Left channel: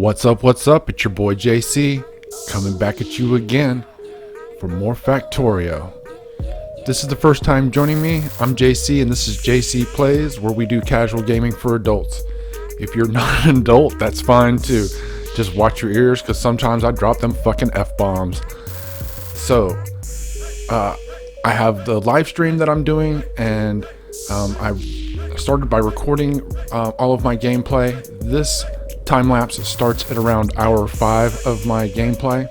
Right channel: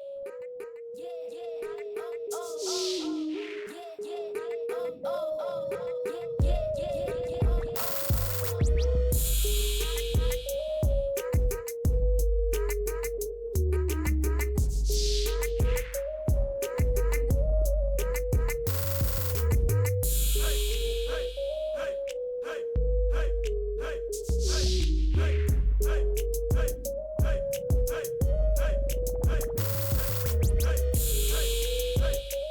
What's up, what's up? It's your boy JC, coming back at you again for more Factorio. This is the first time joining me. I'm JC and this is JC Plays, where we do casual gaming for adults. If you're not an adult, that's fine too. Just watch your ears, because sometimes I drop them fucking F-bombs. So, I have the live stream that I'm doing, and I started by recording all of my gameplay. This time lapse starts at around hour 5 of my gameplay,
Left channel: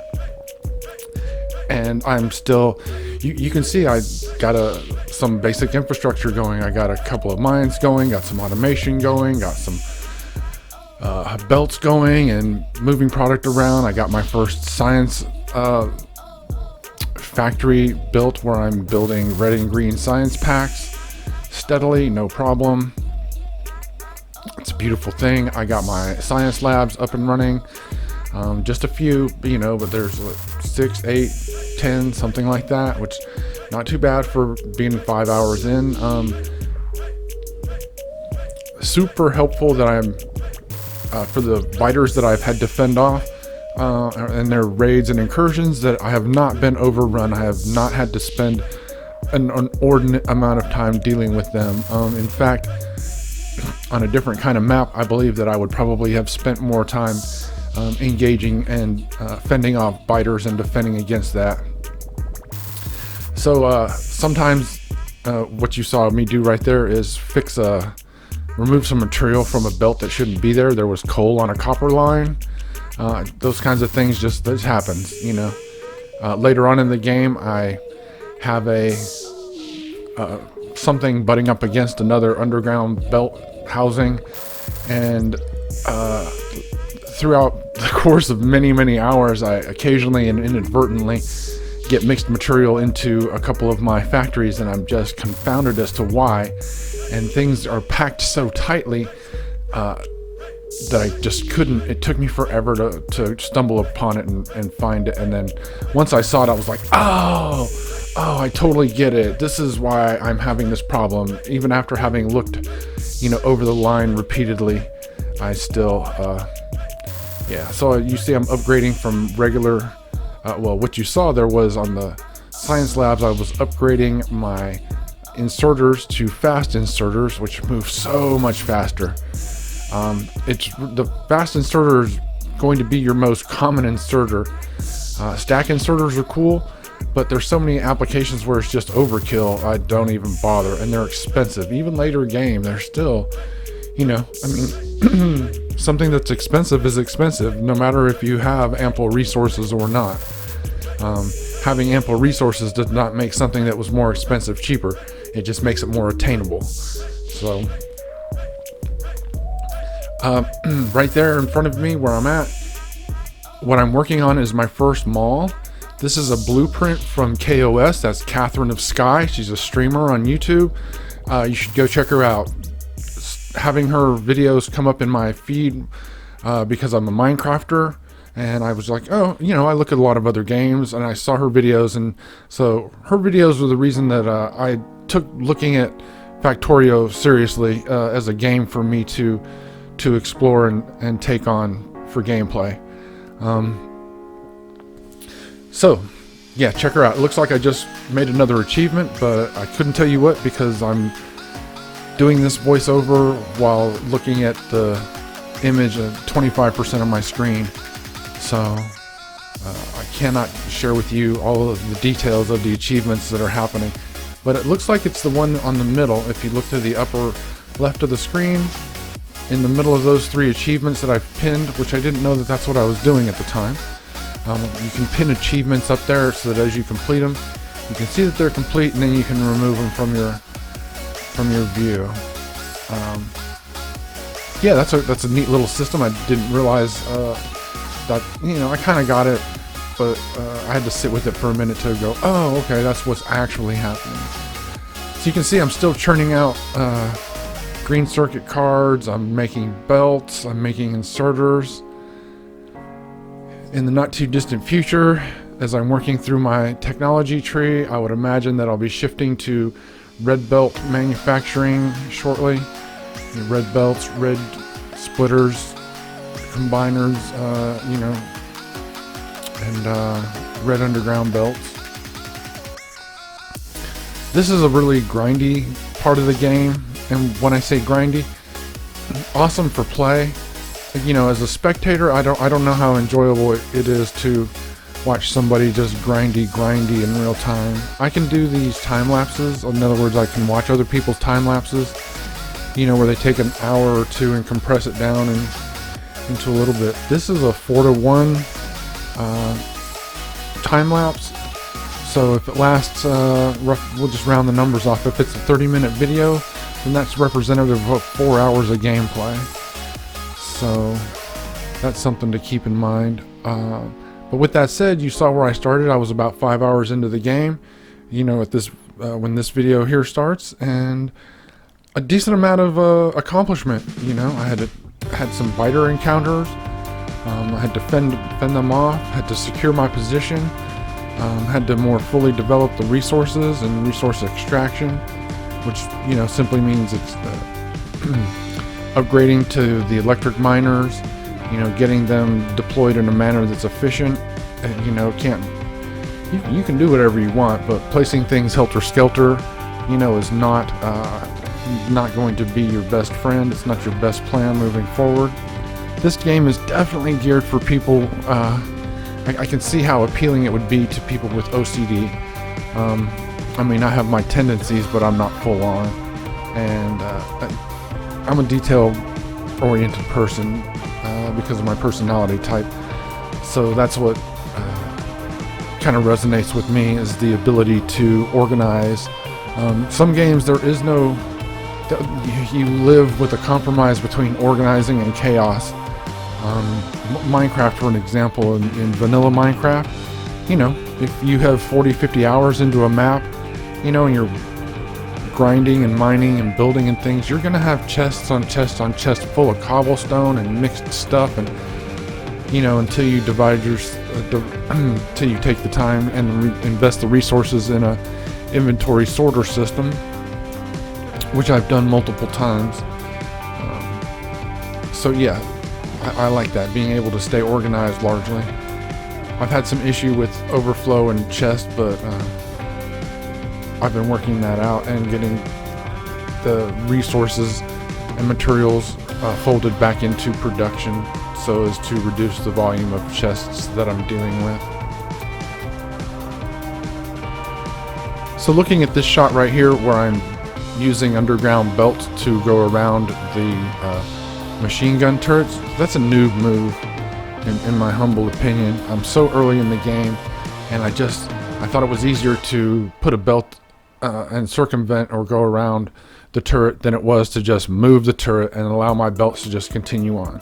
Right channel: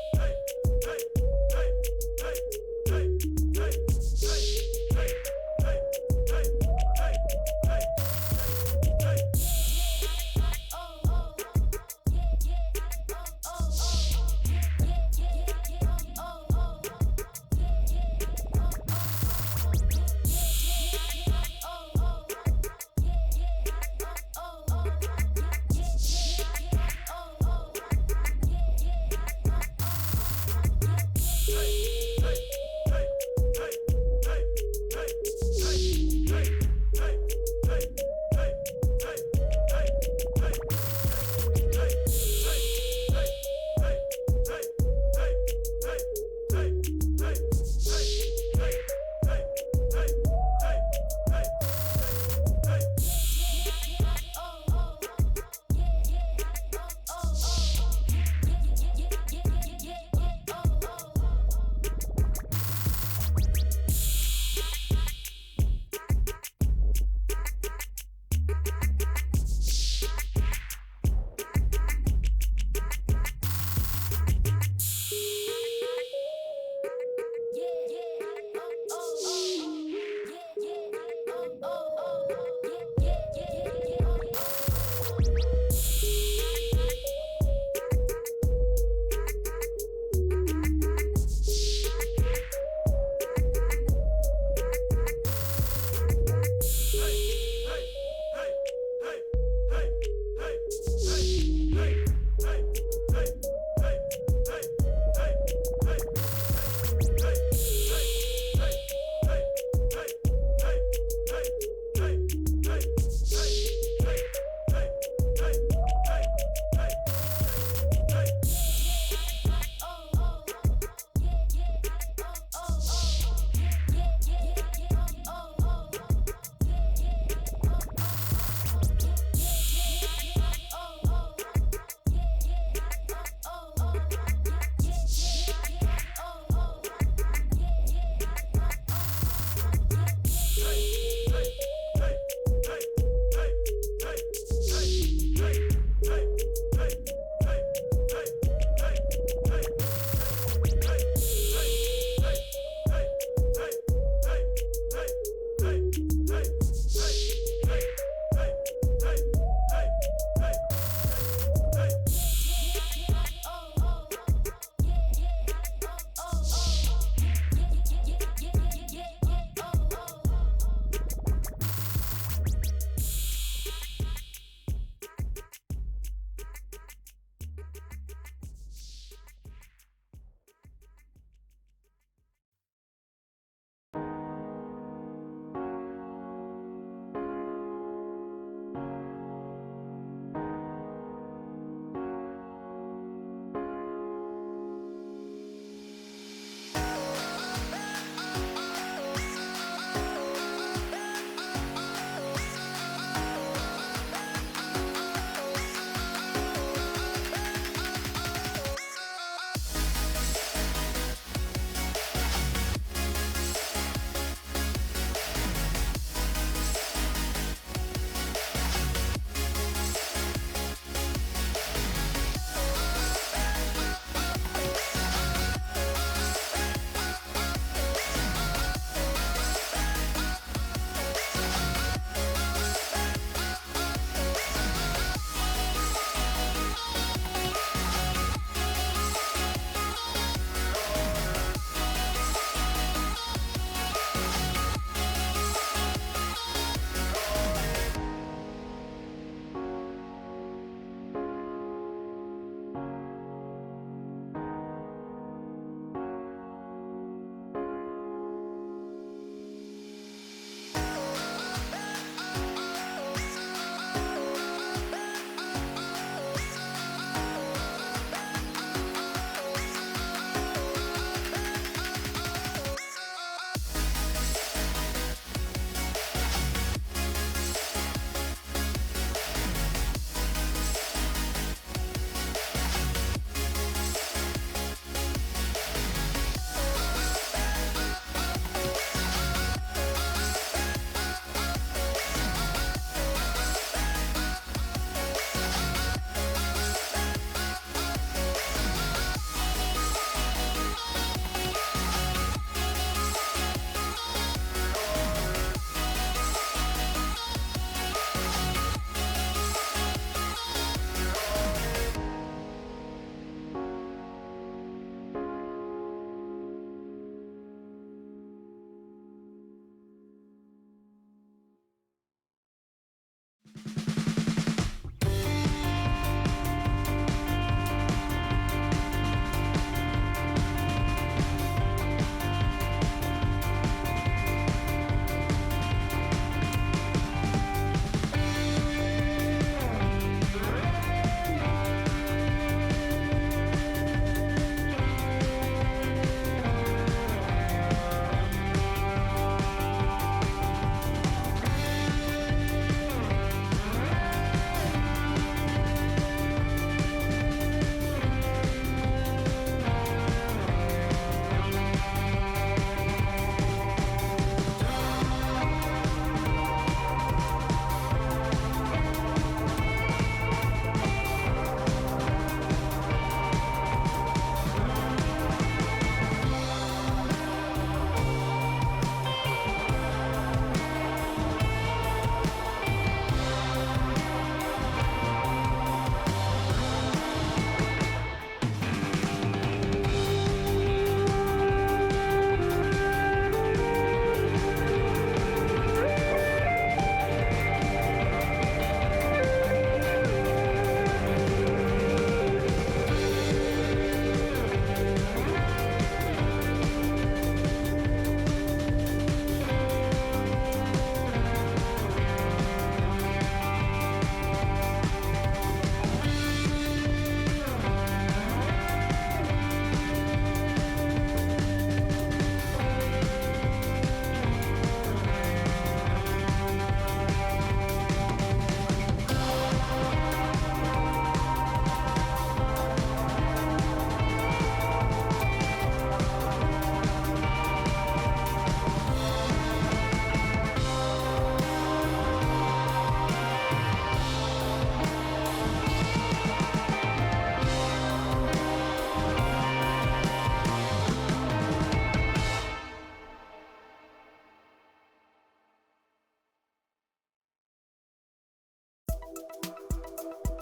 and I'm still, you can see I got some basic infrastructure going. I got a couple of mines going, got some automation going, got some belts going and moving product around. I got my first science factory built, where I'm building red and green science packs steadily, no problem. It's a beautiful thing. I got my science labs up and running. Just a few, but there's 6, 8, 10, something like that, which not too bad for being 5 hours in. Super helpful that I'm for the biters that I've had to fend off and their raids and incursions, that I have not been overrun. I have not had to spend an inordinate amount of time dealing with them. In fact, on a different kind of map, I believe that I would probably have spent more time engaging and fending off biters and defending against that. So sometimes what you saw me do right there is remove some material from a belt that shouldn't be there. There was coal on a copper line. Those kinds of things just happen, Later on in the game, I have something butting up against another underground belt housing, and throughout the course of many hours, I occasionally and inadvertently get mixed material into a couple of my factories, and I'm just confounded as to why. And things are packed so tightly that I just couldn't. It took me forever to stumble upon it and find it. And then once I saw it, I was like, oh, I totally get it. This is why I'm having this problem. Even after having looked, over the line repeatedly, I still, So you see, I'm upgrading from regular. What you saw there was on the science labs, I was upgrading my inserters to fast inserters, which move so much faster. The fast inserter is going to be your most common inserter. Stack inserters are cool, but there's so many applications where it's just overkill. I don't even bother, and they're expensive. Even later game, they're still, something that's expensive is expensive, no matter if you have ample resources or not. Having ample resources does not make something that was more expensive cheaper. It just makes it more attainable. So, right there in front of me where I'm at, what I'm working on is my first mall. This is a blueprint from KOS. That's Catherine of Sky. She's a streamer on YouTube. You should go check her out. Having her videos come up in my feed because I'm a Minecrafter, and I was like, oh, I look at a lot of other games, and I saw her videos, and so her videos were the reason that I took looking at Factorio seriously as a game for me to explore and take on for gameplay. So yeah, check her out. It looks like I just made another achievement, but I couldn't tell you what, because I'm doing this voiceover while looking at the image of 25% of my screen. So I cannot share with you all of the details of the achievements that are happening, but it looks like it's the one on the middle. If you look to the upper left of the screen, in the middle of those 3 achievements that I've pinned, which I didn't know that that's what I was doing at the time. You can pin achievements up there so that as you complete them, you can see that they're complete, and then you can remove them from your view. Yeah, that's a neat little system. I didn't realize that, I kind of got it, but I had to sit with it for a minute to go, oh, okay, that's what's actually happening. So you can see I'm still churning out green circuit cards. I'm making belts. I'm making inserters. In the not too distant future, as I'm working through my technology tree, I would imagine that I'll be shifting to red belt manufacturing shortly. Red belts, red splitters, combiners, you know, and red underground belts. This is a really grindy part of the game, and when I say grindy, awesome for play. You know, as a spectator, I don't know how enjoyable it is to watch somebody just grindy in real time. I can do these time lapses. In other words, I can watch other people's time lapses, you know, where they take an hour or two and compress it down into a little bit. This is a 4:1 time lapse. So if it lasts, we'll just round the numbers off. If it's a 30-minute video, then that's representative of 4 hours of gameplay. So that's something to keep in mind. But with that said, you saw where I started. I was about 5 hours into the game, you know, at this when this video here starts, and a decent amount of accomplishment. You know, I had some fighter encounters. I had to fend them off. Had to secure my position. Had to more fully develop the resources and resource extraction, which, you know, simply means it's upgrading to the electric miners. You know, getting them deployed in a manner that's efficient. And, you know, you can do whatever you want, but placing things helter-skelter, you know, is not going to be your best friend. It's not your best plan moving forward. This game is definitely geared for people. I can see how appealing it would be to people with OCD. I mean, I have my tendencies, but I'm not full on, and I'm a detail-oriented person. Because of my personality type, so that's what kind of resonates with me, is the ability to organize. Some games there is no, you live with a compromise between organizing and chaos. Minecraft, for an example, in vanilla Minecraft, you know, if you have 40-50 hours into a map, you know, and you're grinding and mining and building and things, you're gonna have chests on chests on chests full of cobblestone and mixed stuff, and, you know, until you until you take the time and invest the resources in a inventory sorter system, which I've done multiple times. So yeah, I like that, being able to stay organized largely. I've had some issue with overflow and chests, but I've been working that out and getting the resources and materials folded back into production so as to reduce the volume of chests that I'm dealing with. So looking at this shot right here, where I'm using underground belts to go around the machine gun turrets, that's a noob move in my humble opinion. I'm so early in the game, and I thought it was easier to put a belt and circumvent or go around the turret than it was to just move the turret and allow my belts to just continue on.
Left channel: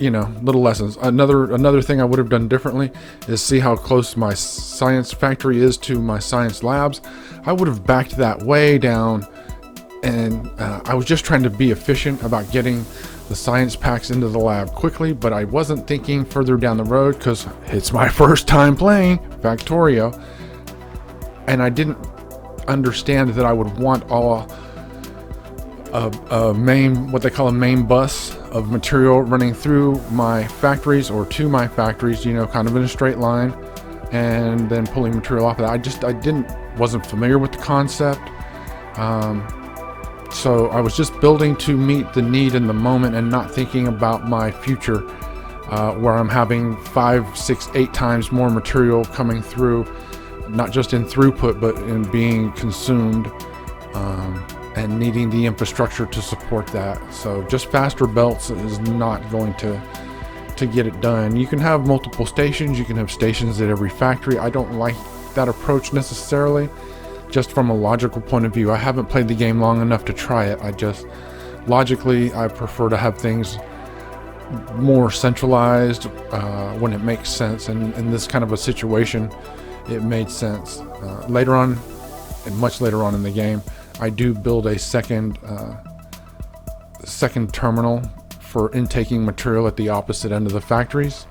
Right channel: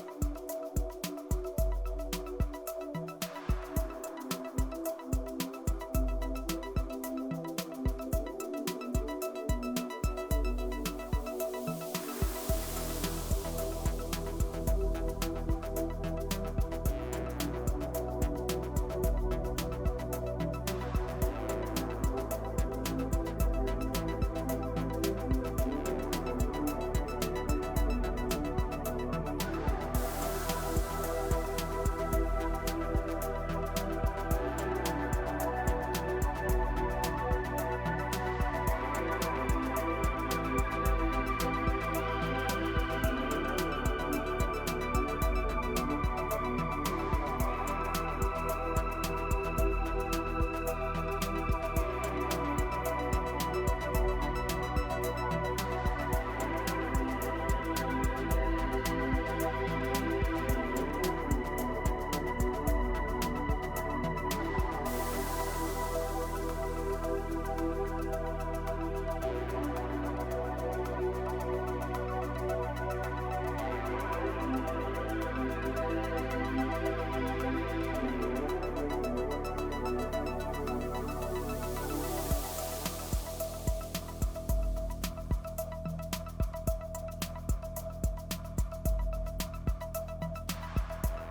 You know, little lessons. Another thing I would have done differently is see how close my science factory is to my science labs. I would have backed that way down, and I was just trying to be efficient about getting the science packs into the lab quickly, but I wasn't thinking further down the road, because it's my first time playing Factorio, and I didn't understand that I would want what they call a main bus of material running through my factories or to my factories, you know, kind of in a straight line, and then pulling material off of that. Wasn't familiar with the concept. So I was just building to meet the need in the moment and not thinking about my future, where I'm having 5, 6, 8 times more material coming through, not just in throughput, but in being consumed, and needing the infrastructure to support that. So just faster belts is not going to get it done. You can have multiple stations. You can have stations at every factory. I don't like that approach necessarily. Just from a logical point of view, I haven't played the game long enough to try it. Logically, I prefer to have things more centralized when it makes sense, and in this kind of a situation, it made sense. Later on, and much later on in the game, I do build a second terminal for intaking material at the opposite end of the factories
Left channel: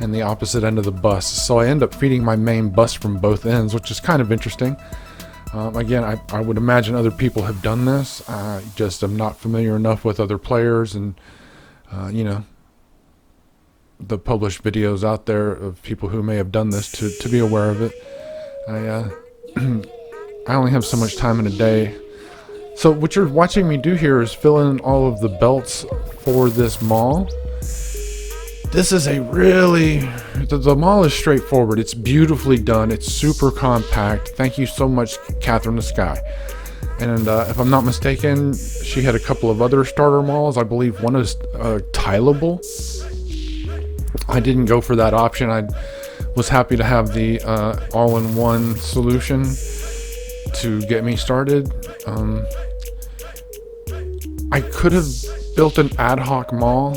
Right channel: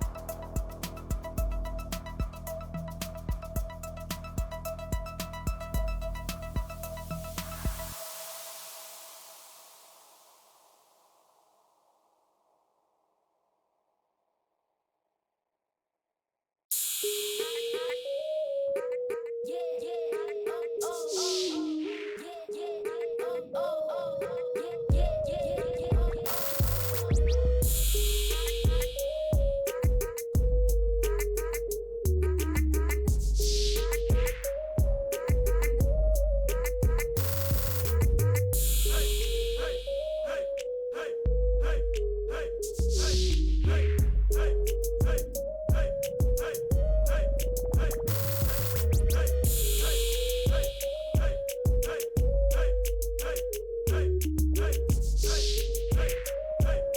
and the opposite end of the bus. So I end up feeding my main bus from both ends, which is kind of interesting. Again, I would imagine other people have done this. I just am not familiar enough with other players and, you know, the published videos out there of people who may have done this to be aware of it. I only have so much time in a day. So what you're watching me do here is fill in all of the belts for this mall. This is a really, the mall is straightforward. It's beautifully done. It's super compact. Thank you so much, Catherine the Sky. And if I'm not mistaken, she had a couple of other starter malls. I believe one is tileable. I didn't go for that option. I was happy to have the all-in-one solution to get me started. I could have built an ad hoc mall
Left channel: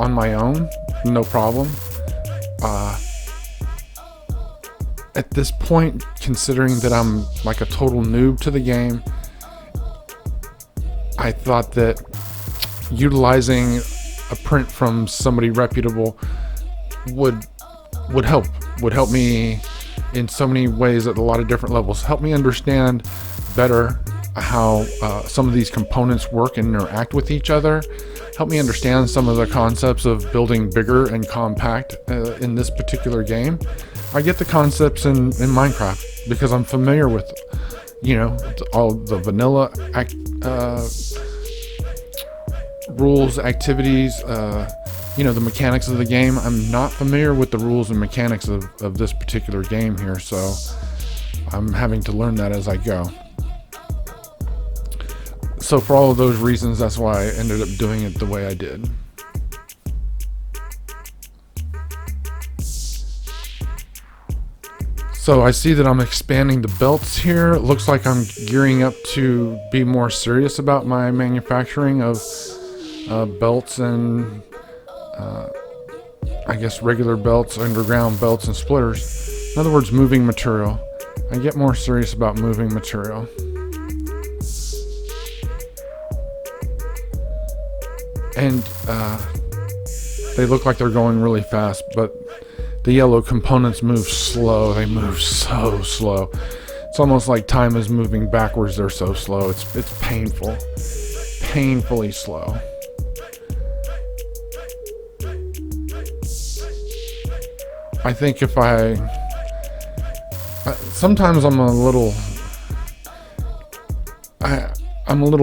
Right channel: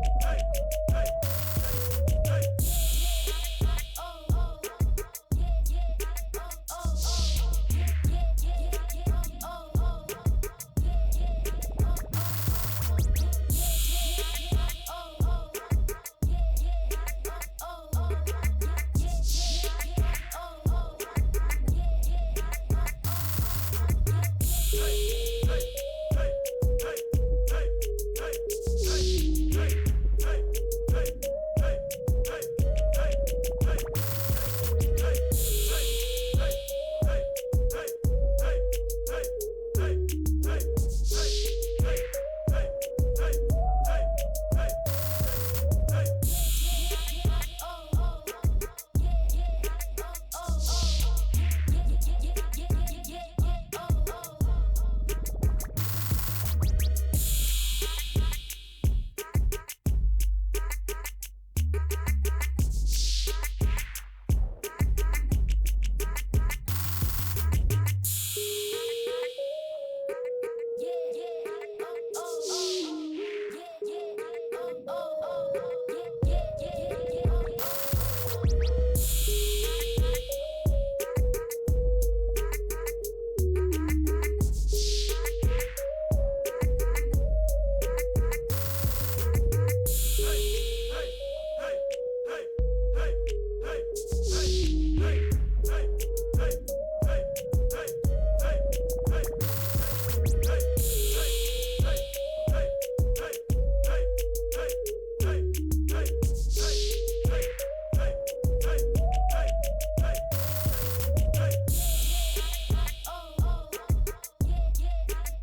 on my own, no problem. At this point, considering that I'm like a total noob to the game, I thought that utilizing a print from somebody reputable would help me in so many ways at a lot of different levels. Help me understand better how some of these components work and interact with each other. Help me understand some of the concepts of building bigger and compact in this particular game. I get the concepts in Minecraft because I'm familiar with, you know, all the vanilla rules, activities, you know, the mechanics of the game. I'm not familiar with the rules and mechanics of this particular game here, so I'm having to learn that as I go. So for all of those reasons, that's why I ended up doing it the way I did. So I see that I'm expanding the belts here. It looks like I'm gearing up to be more serious about my manufacturing of belts and I guess regular belts, underground belts, and splitters. In other words, moving material. I get more serious about moving material. And they look like they're going really fast, but the yellow components move slow. They move so slow. It's almost like time is moving backwards. They're so slow. It's painful. Painfully slow. I think if sometimes I'm a little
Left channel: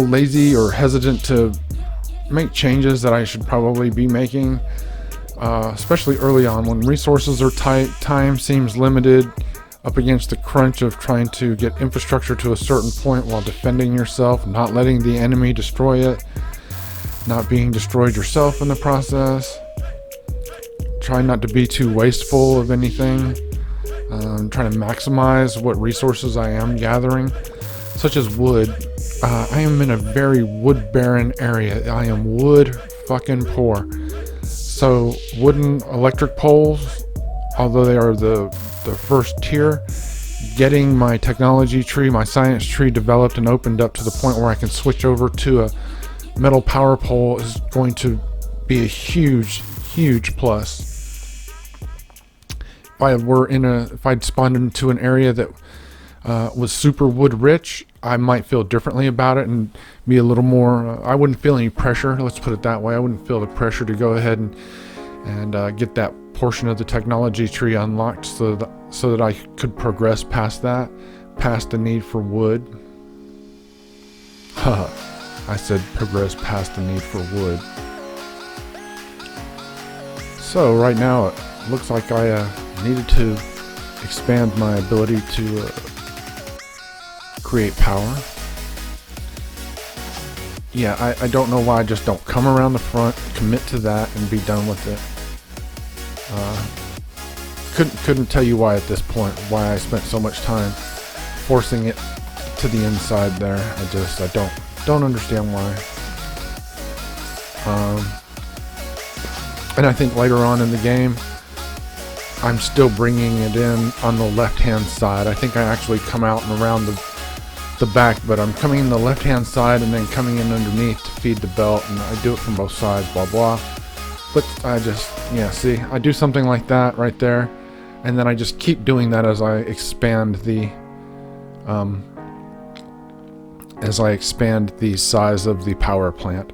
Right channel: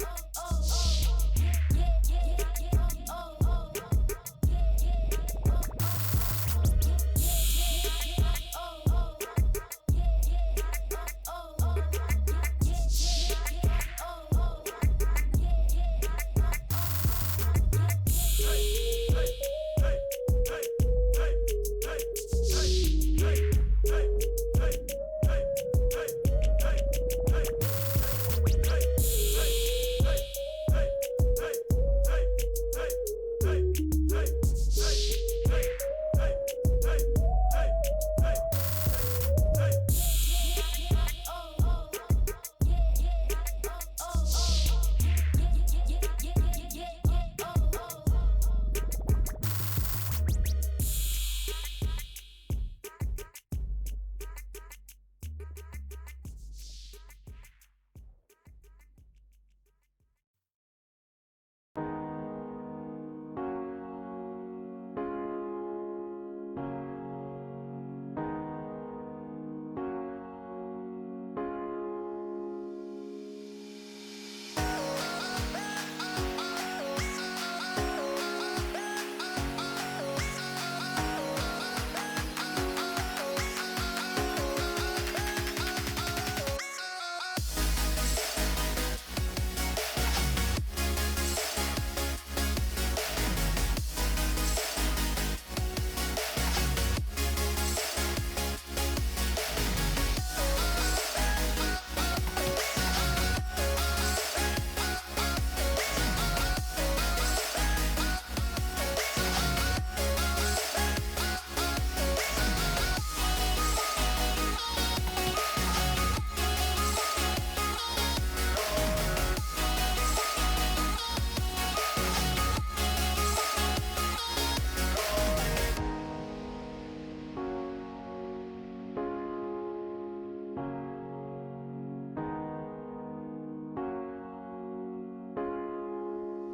lazy or hesitant to make changes that I should probably be making, especially early on when resources are tight, time seems limited, up against the crunch of trying to get infrastructure to a certain point while defending yourself, not letting the enemy destroy it, not being destroyed yourself in the process. Try not to be too wasteful of anything. Trying to maximize what resources I am gathering, such as wood. I am in a very wood barren area. I am wood fucking poor. So wooden electric poles, although they are the first tier, getting my technology tree, my science tree developed and opened up to the point where I can switch over to a metal power pole is going to be a huge plus. If I'd spawned into an area that was super wood rich, I might feel differently about it and be a little more, I wouldn't feel any pressure, let's put it that way. I wouldn't feel the pressure to go ahead and get that portion of the technology tree unlocked so that I could progress past the need for wood. I said progress past the need for wood. So right now it looks like I needed to expand my ability to create power. Yeah, I don't know why I just don't come around the front, commit to that, and be done with it. Couldn't tell you why at this point, why I spent so much time forcing it to the inside there. I don't understand why. And I think later on in the game, I'm still bringing it in on the left-hand side. I think I actually come out and around the back, but I'm coming in the left-hand side and then coming in underneath to feed the belt, and I do it from both sides, blah, blah. But I just, see, I do something like that right there, and then I just keep doing that as I expand the as I expand the size of the power plant.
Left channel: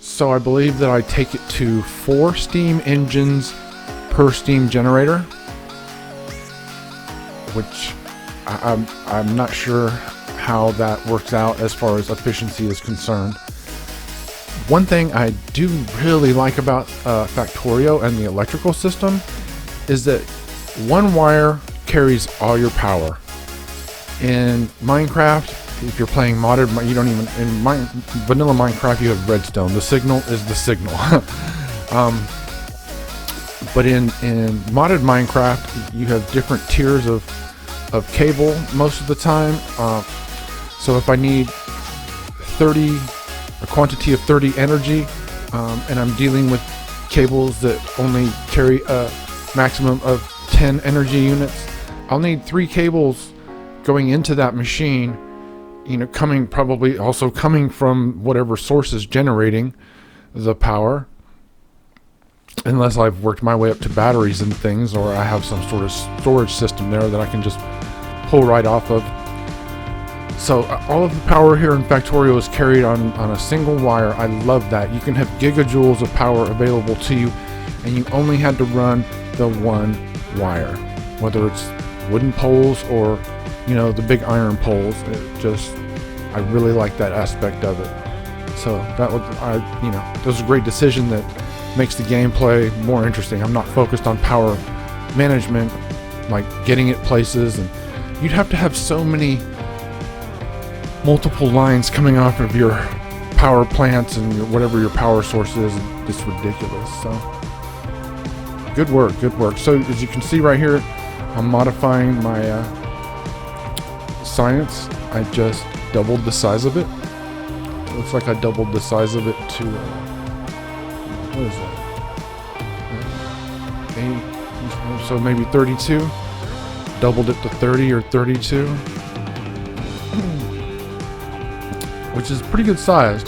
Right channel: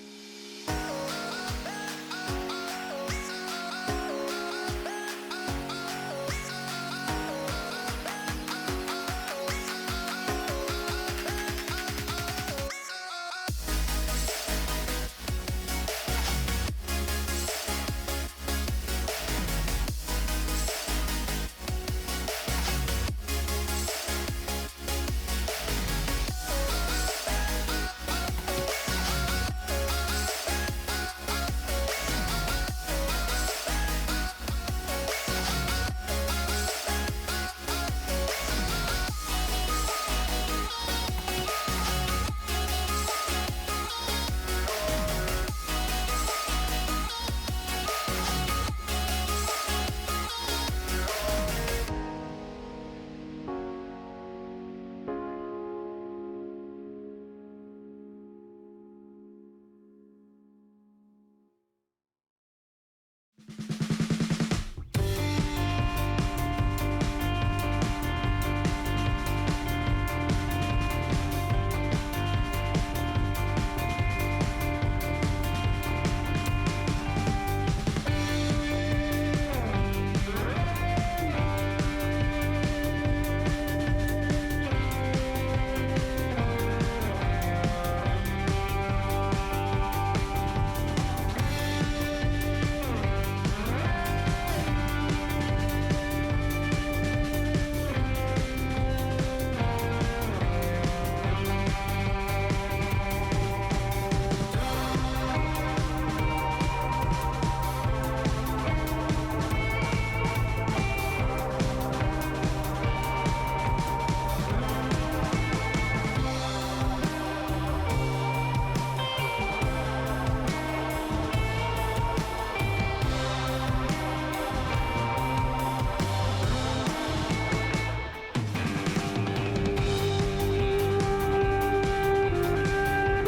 So I believe that I take it to 4 steam engines per steam generator, which I'm not sure how that works out as far as efficiency is concerned. One thing I do really like about Factorio and the electrical system is that one wire carries all your power. In Minecraft, if you're playing modded, you don't even, vanilla Minecraft, you have redstone. The signal is the signal. But in modded Minecraft, you have different tiers of cable most of the time. So if I need a quantity of 30 energy, and I'm dealing with cables that only carry a maximum of 10 energy units, I'll need 3 cables going into that machine, probably also coming from whatever source is generating the power, unless I've worked my way up to batteries and things, or I have some sort of storage system there that I can just pull right off of. So all of the power here in Factorio is carried on a single wire. I love that. You can have gigajoules of power available to you, and you only had to run the one wire, whether it's wooden poles or the big iron poles. I really like that aspect of it. So that was a great decision that makes the gameplay more interesting. I'm not focused on power management, like getting it places, and you'd have to have so many multiple lines coming off of your power plants and whatever your power source is. It's ridiculous. So good work. So as you can see right here, I'm modifying my science. I just doubled the size of it. Looks like I doubled the size of it to what is it? So maybe 32. Doubled it to 30 or 32. Which is pretty good sized.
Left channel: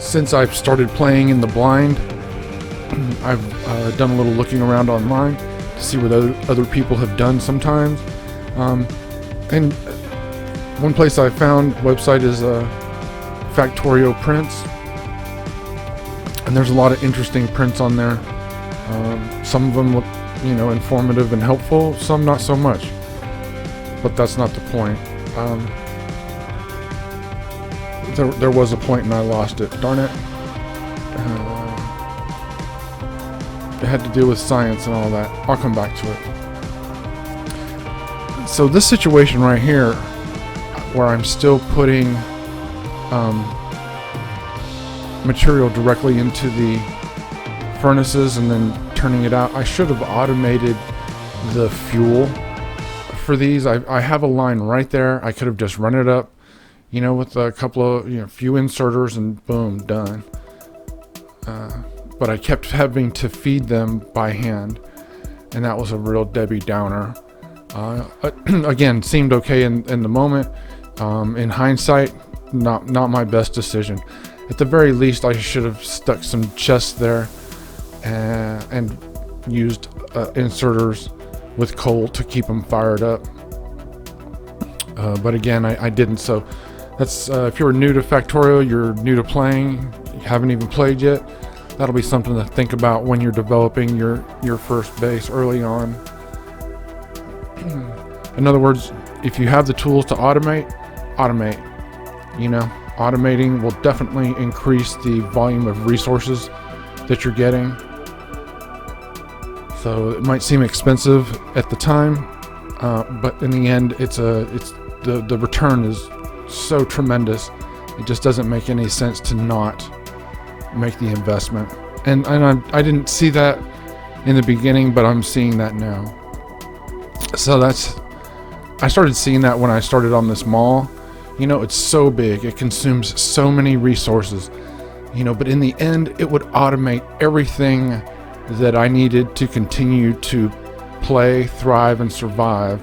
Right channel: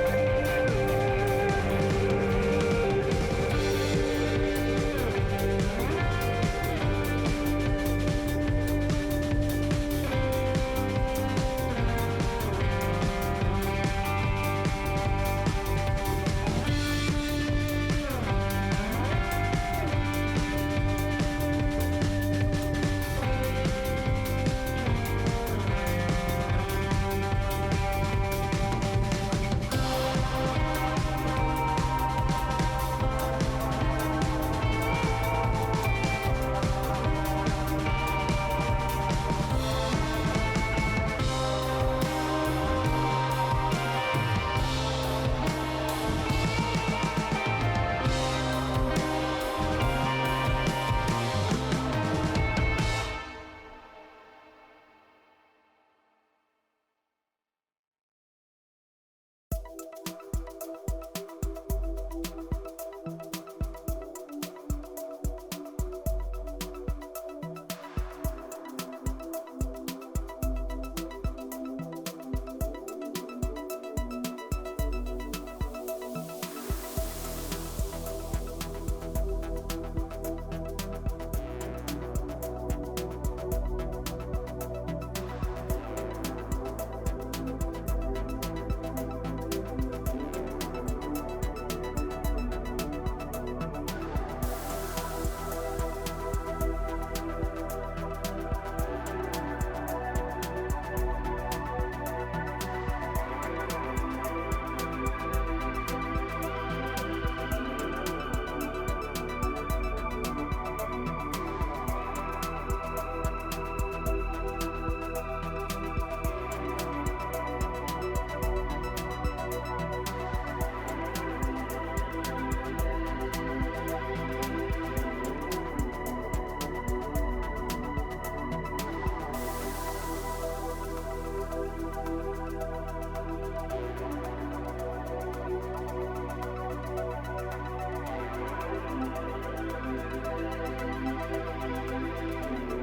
Since I've started playing in the blind, I've done a little looking around online to see what other people have done sometimes. And one place I found website is Factorio Prints, and there's a lot of interesting prints on there. Some of them look informative and helpful, some not so much, but that's not the point. There was a point and I lost it, darn it. It had to do with science and all that. I'll come back to it. So this situation right here, where I'm still putting material directly into the furnaces and then turning it out, I should have automated the fuel for these. I have a line right there. I could have just run it up, with a couple of few inserters and boom, done. But I kept having to feed them by hand, and that was a real Debbie Downer. Again, seemed okay in the moment. In hindsight, not my best decision. At the very least, I should have stuck some chests there and used inserters with coal to keep them fired up. But again, I didn't. So that's if you're new to Factorio, you're new to playing, you haven't even played yet, that'll be something to think about when you're developing your first base early on. In other words, if you have the tools to automate. Automating will definitely increase the volume of resources that you're getting. So it might seem expensive at the time, but in the end, the return is so tremendous. It just doesn't make any sense to not make the investment. And I didn't see that in the beginning, but I'm seeing that now. So I started seeing that when I started on this mall. It's so big, it consumes so many resources, but in the end, it would automate everything that I needed to continue to play, thrive, and survive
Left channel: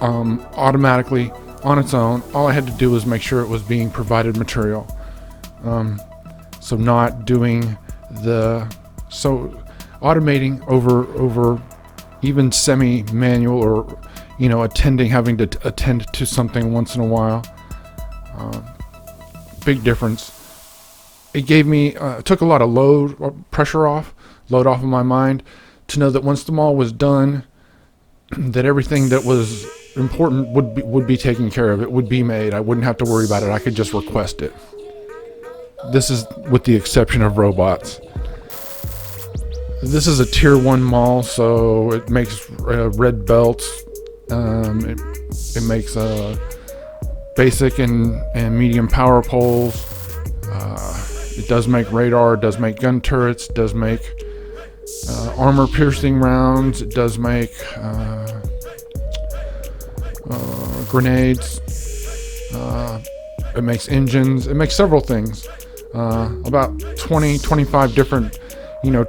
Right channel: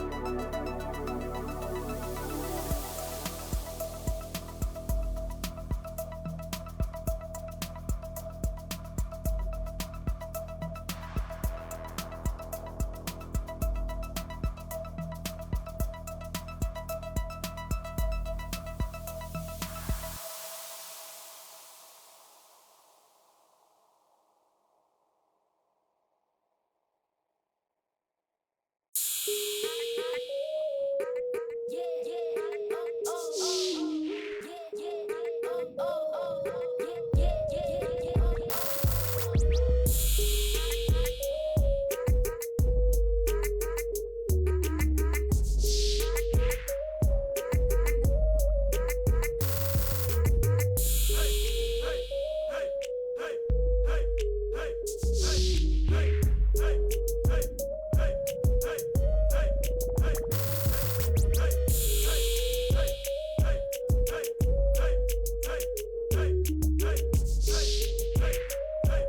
automatically on its own. All I had to do was make sure it was being provided material. So not doing automating over even semi-manual, or having to attend to something once in a while. Big difference. It gave me took a lot of load off of my mind, to know that once the mall was done, that everything that was important would be taken care of. It would be made. I wouldn't have to worry about it. I could just request it. This is with the exception of robots. This is a tier 1 mall, so it makes red belts. It makes basic and medium power poles. It does make radar. It does make gun turrets. It does make armor piercing rounds. It does make grenades. It makes engines. It makes several things. About 25 different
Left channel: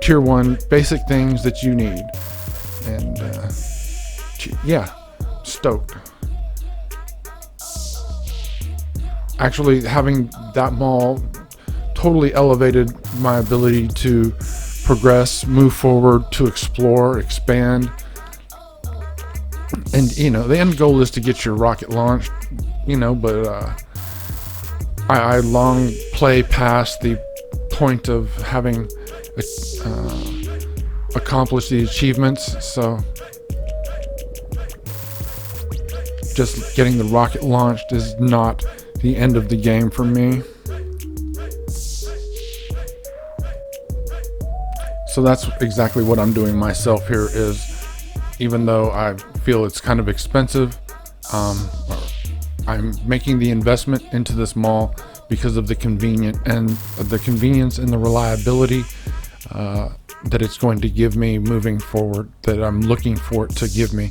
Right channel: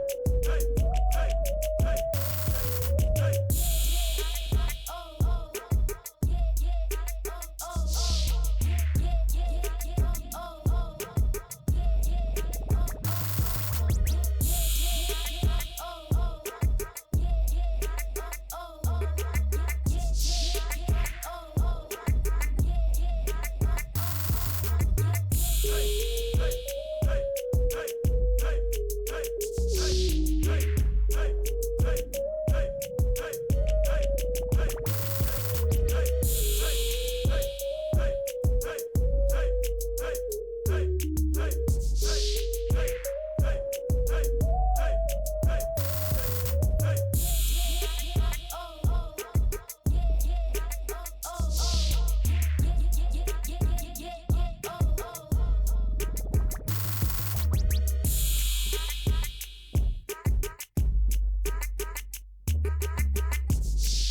tier 1 basic things that you need. And yeah, stoked. Actually, having that mall totally elevated my ability to progress, move forward, to explore, expand. And the end goal is to get your rocket launched, but I long play past the point of having accomplished the achievements. So just getting the rocket launched is not the end of the game for me. So that's exactly what I'm doing myself here. Is, even though I feel it's kind of expensive, I'm making the investment into this mall because of the convenience and the reliability that it's going to give me moving forward, that I'm looking for it to give me.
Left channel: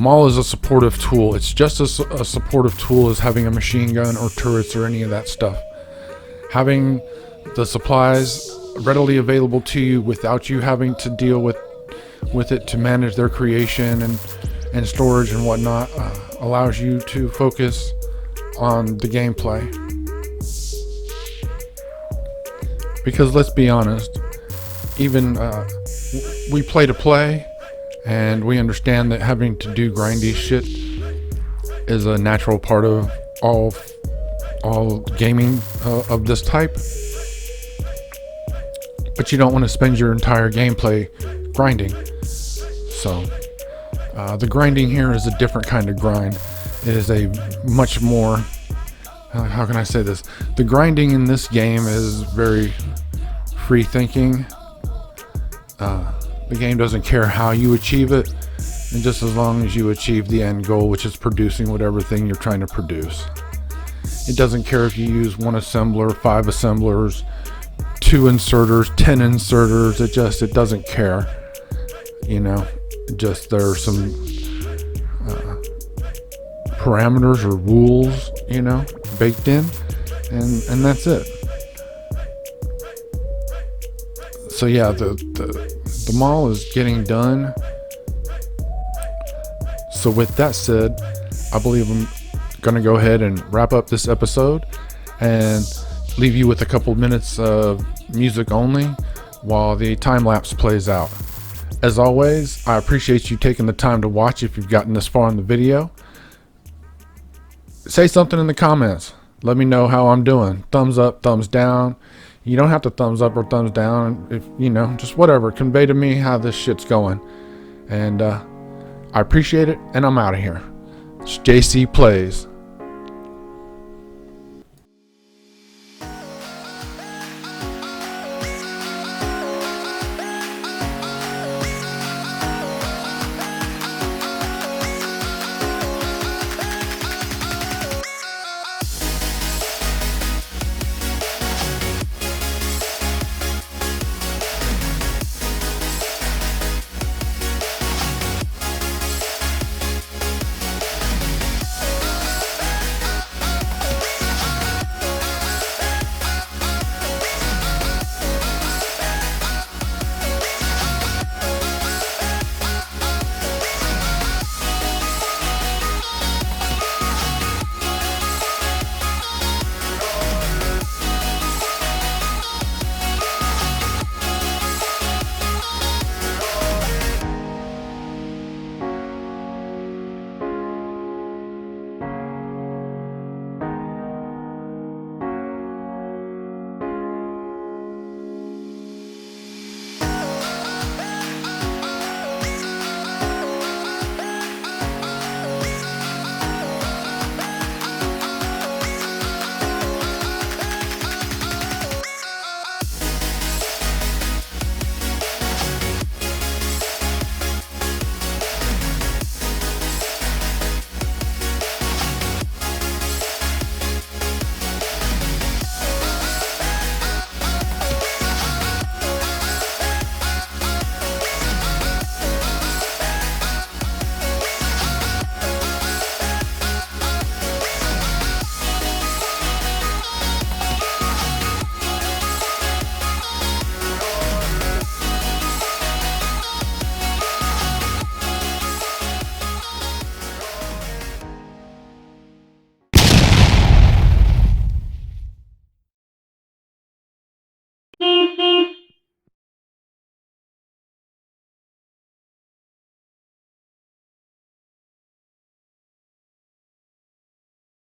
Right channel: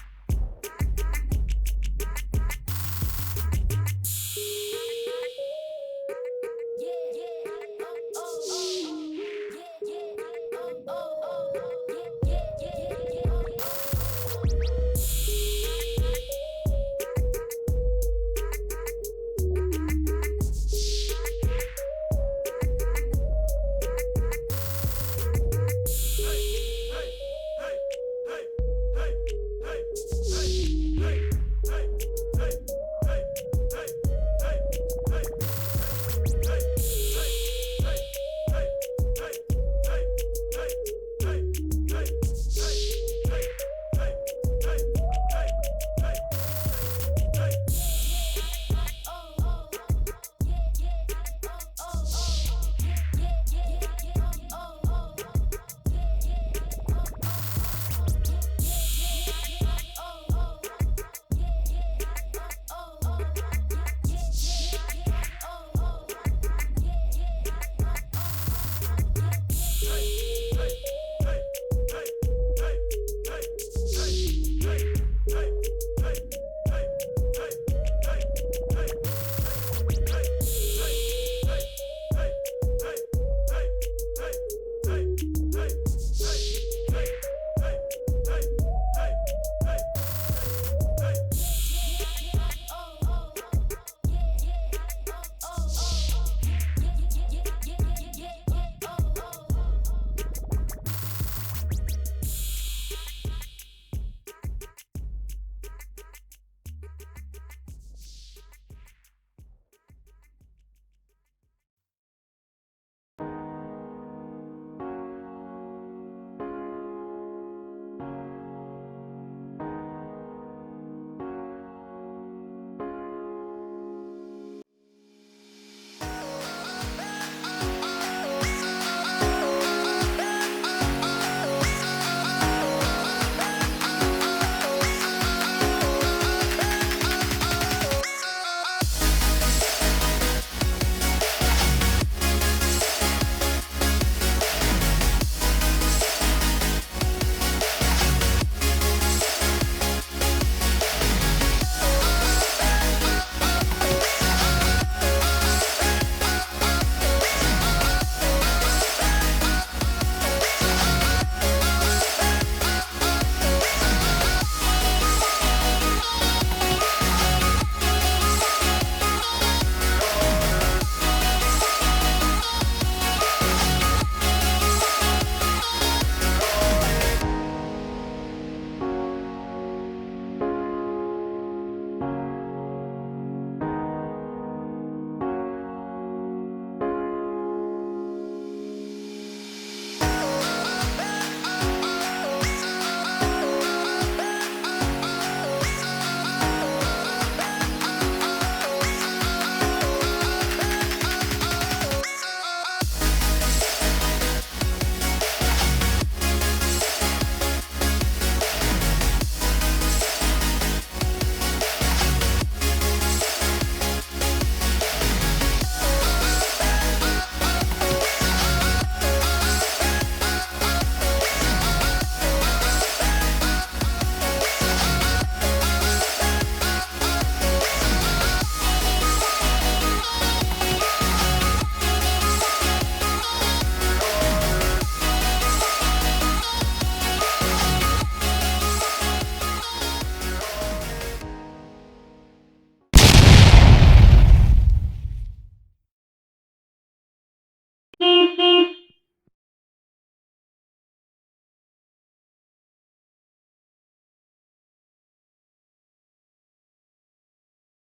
Mall is a supportive tool. It's just as a supportive tool as having a machine gun or turrets or any of that stuff. Having the supplies readily available to you without you having to deal with it to manage their creation and storage and whatnot allows you to focus on the gameplay. Because let's be honest, even we play to play, and we understand that having to do grindy shit is a natural part of all gaming of this type. But you don't want to spend your entire gameplay grinding. So the grinding here is a different kind of grind. It is a much more, how can I say this? The grinding in this game is very free thinking. The game doesn't care how you achieve it, and just as long as you achieve the end goal, which is producing whatever thing you're trying to produce. It doesn't care if you use 1 assembler, 5 assemblers, 2 inserters, 10 inserters. It doesn't care. Just there are some parameters or rules, baked in, and that's it. So yeah, the mall is getting done. So with that said, I believe I'm gonna go ahead and wrap up this episode and leave you with a couple minutes of music only while the time lapse plays out. As always, I appreciate you taking the time to watch if you've gotten this far in the video. Say something in the comments. Let me know how I'm doing. Thumbs up, thumbs down. You don't have to thumbs up or thumbs down. If just whatever. Convey to me how this shit's going. And I appreciate it, and I'm out of here. It's JC Plays.